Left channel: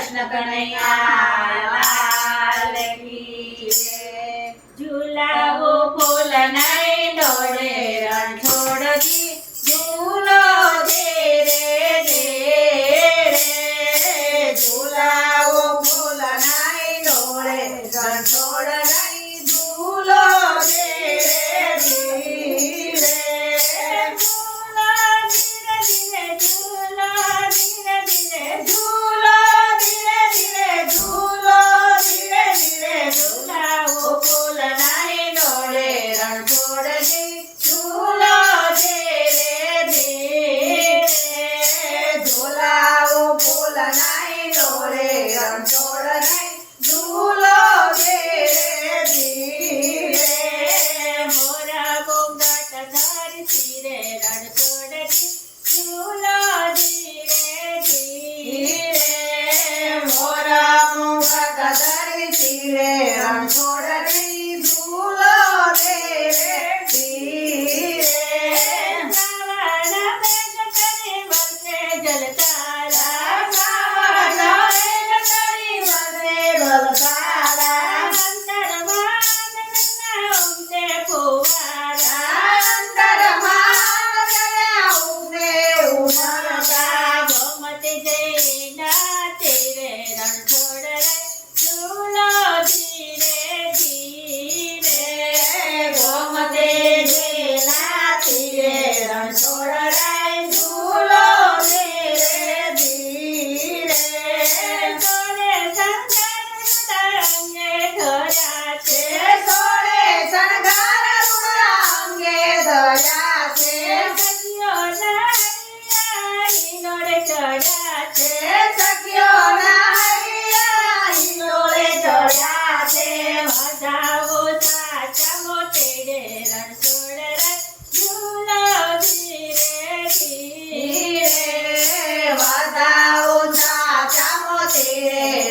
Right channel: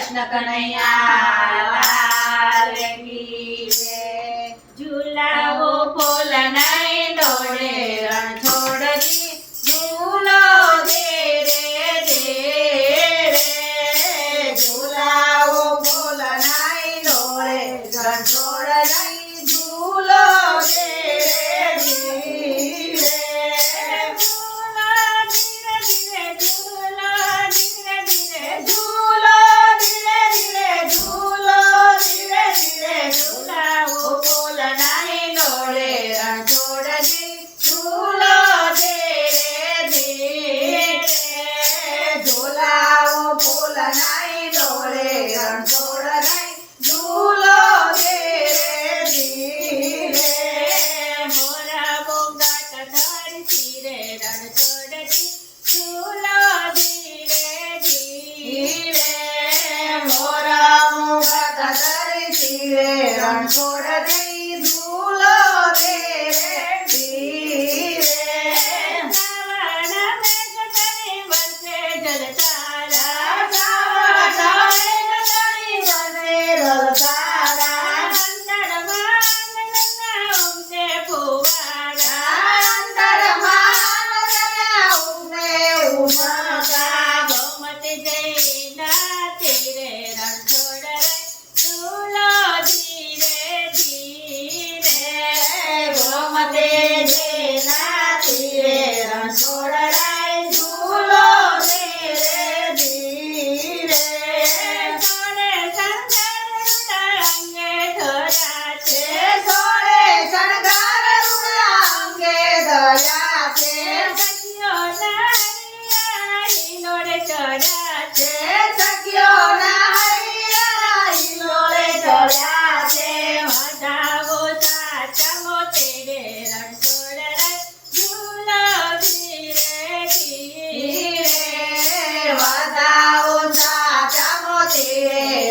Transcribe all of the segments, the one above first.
કૃષ્ણ કનૈયા લાલ કી જય। ઝુલાવો ફૂલ નહીં દોડે રણછોડજી ઝૂલો દે રે ઝુલાવો ફૂલ નહીં દોડે રણછોડજી ઝૂલો દે રણછોડજી ઝૂલો દે રે ધીરે સાવણ મેઘ કરી વરસે જલધારા સાવણ મેઘ કરી વરસે જલધારા અંતરમાં ઉમટે ફુવારા અંતરમાં ઉમટે ઉમટા ગોમતી જઈ નાચે રે રણછોડ ઝૂલો રણછોડરાય ઝૂલો દે રે ધીરે સોળે શણગાર અંગે ધર્યા છે સોળે શણગાર અંગે ધર્યા છે સખીઓના હિલોળે ચડ્યા છે સખીઓના હિલોળે ચડ્યા છે વધાવો સાચા મોતે રે રણછોડરાય ઝૂલો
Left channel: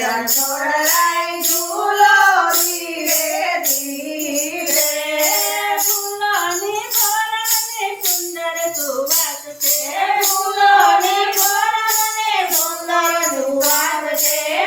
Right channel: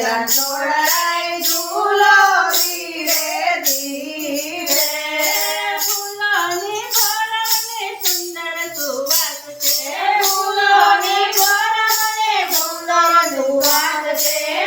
રણછોડરાય ઝૂલો ધીરે ધીરે ફૂલોની ફળને સુંદર સુવાસ છે ફૂલોની ફળને સુંદર સુવાસ છે